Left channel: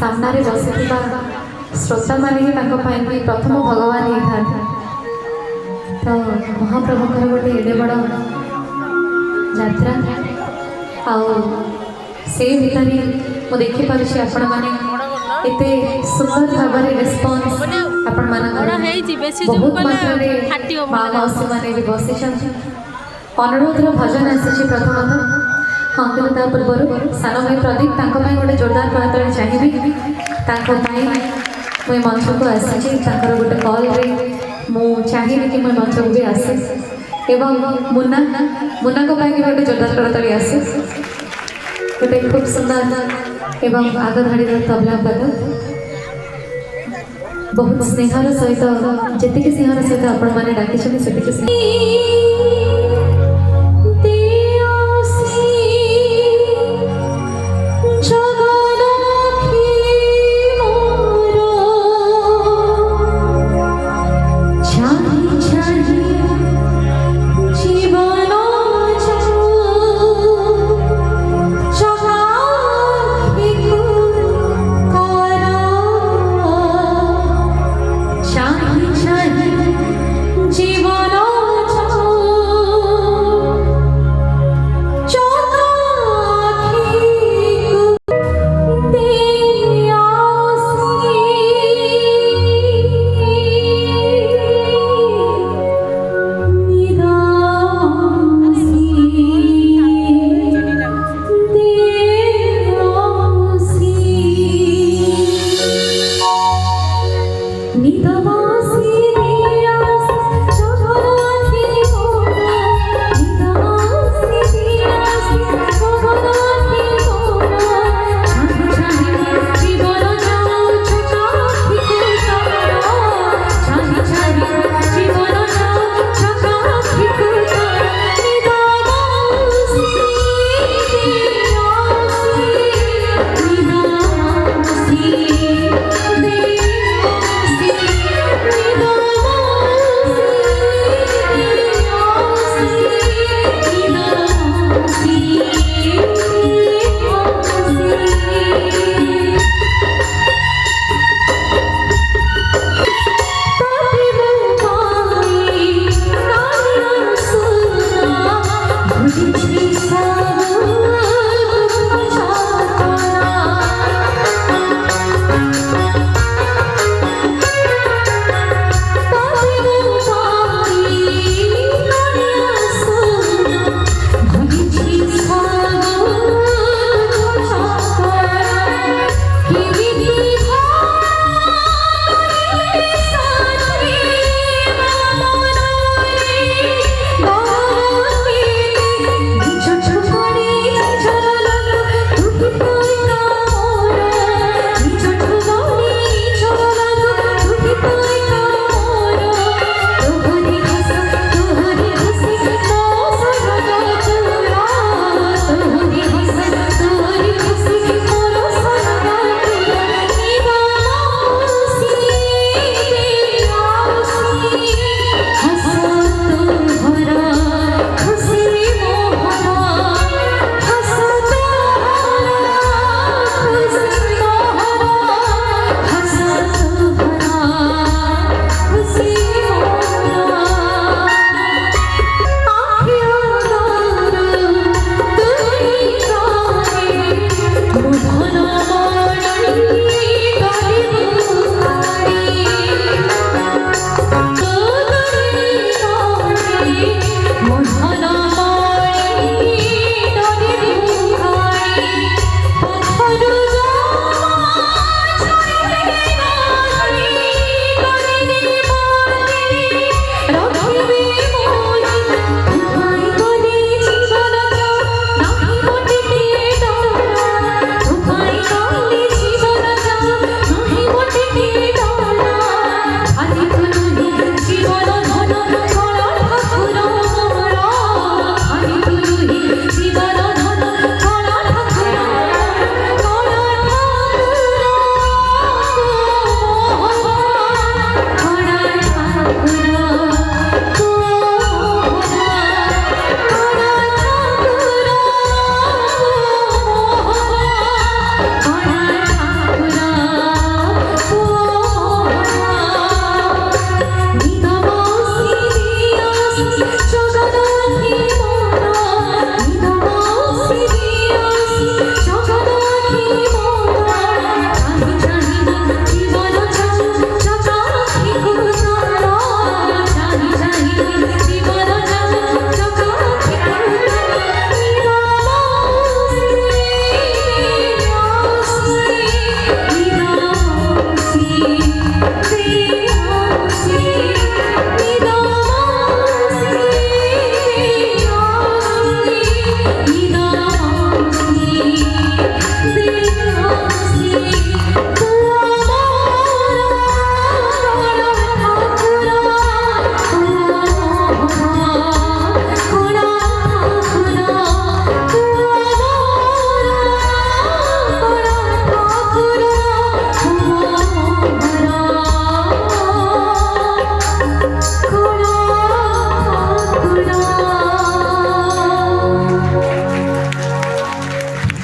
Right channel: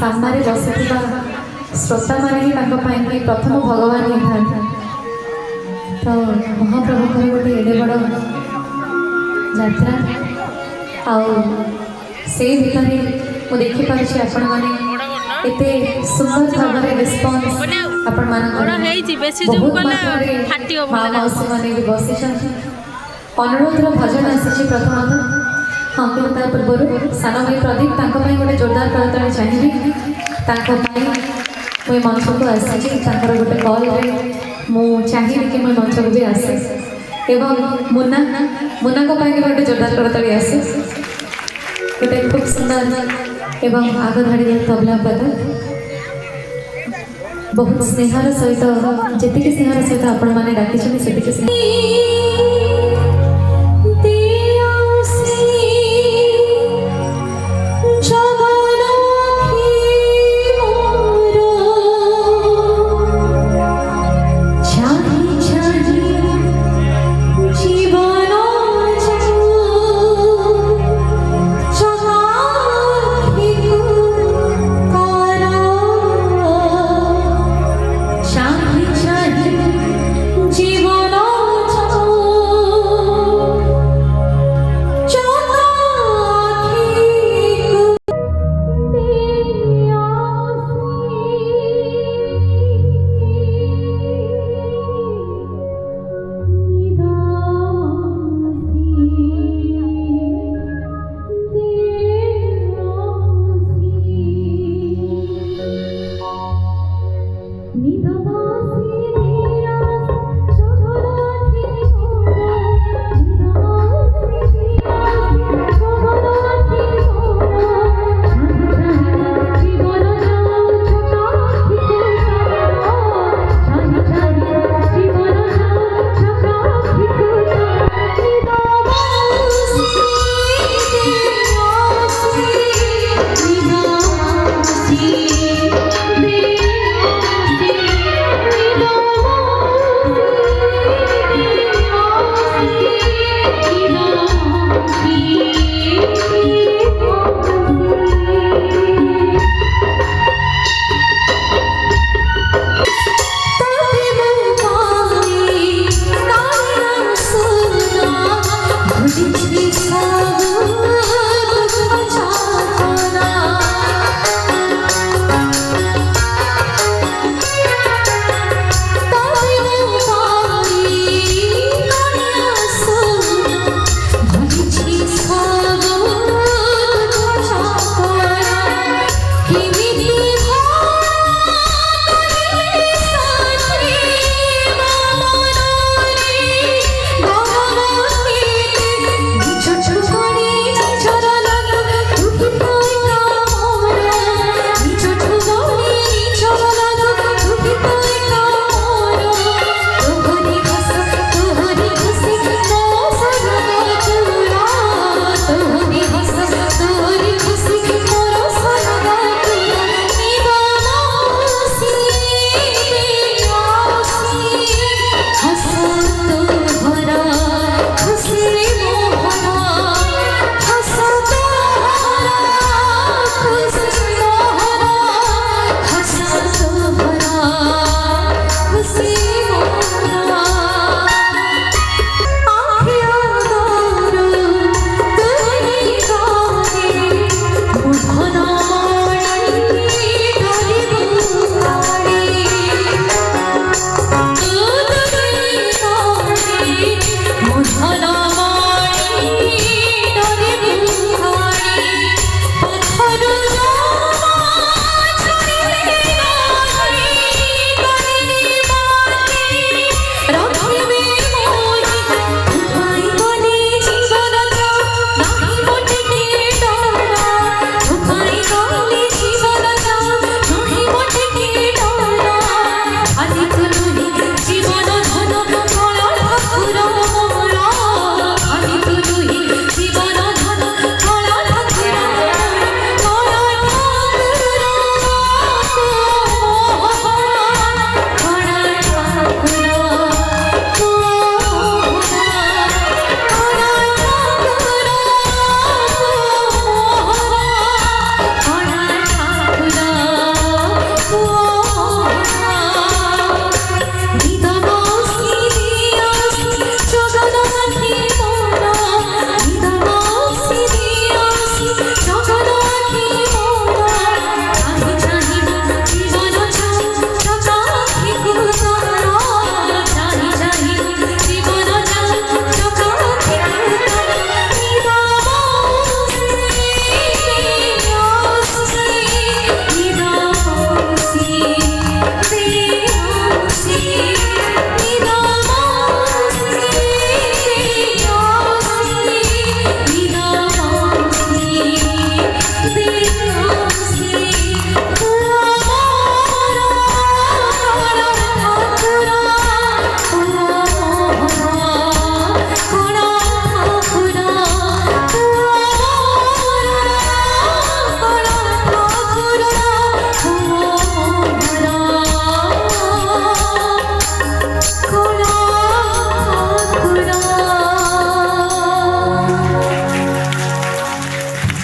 सामने बसिथिबा श्रोता मैंने प्रथम भगवान ही था। तो महाप्रभु गोटे एडे बड़ यात्रा से भितर मुझे देखिपारे आपण मैंने एते सुंदर भाव रेस्पॉन्स आपण माने बेसी जूम कला फाटियो भला बसी अनुरोध भजन आसी प्रथमतः। हाँ कि पूर्व सान भाई प्रदीप गोटे जोरदार करतल चाहिए मुझे मंच को आसी गोटे कल चाहिए कि मैं मंच को भी आसे एवं मुन्ना मुन्ना को गोटे जोरदार करतल आसे गोटे खूब सुंदर एवं आग धाड़ी तबला पद बहुत स्नेहर सहित जी स्नेहर सहित आपण मैंने डाकी जीवन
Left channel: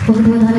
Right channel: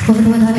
बहुत बहुत धन्यवाद।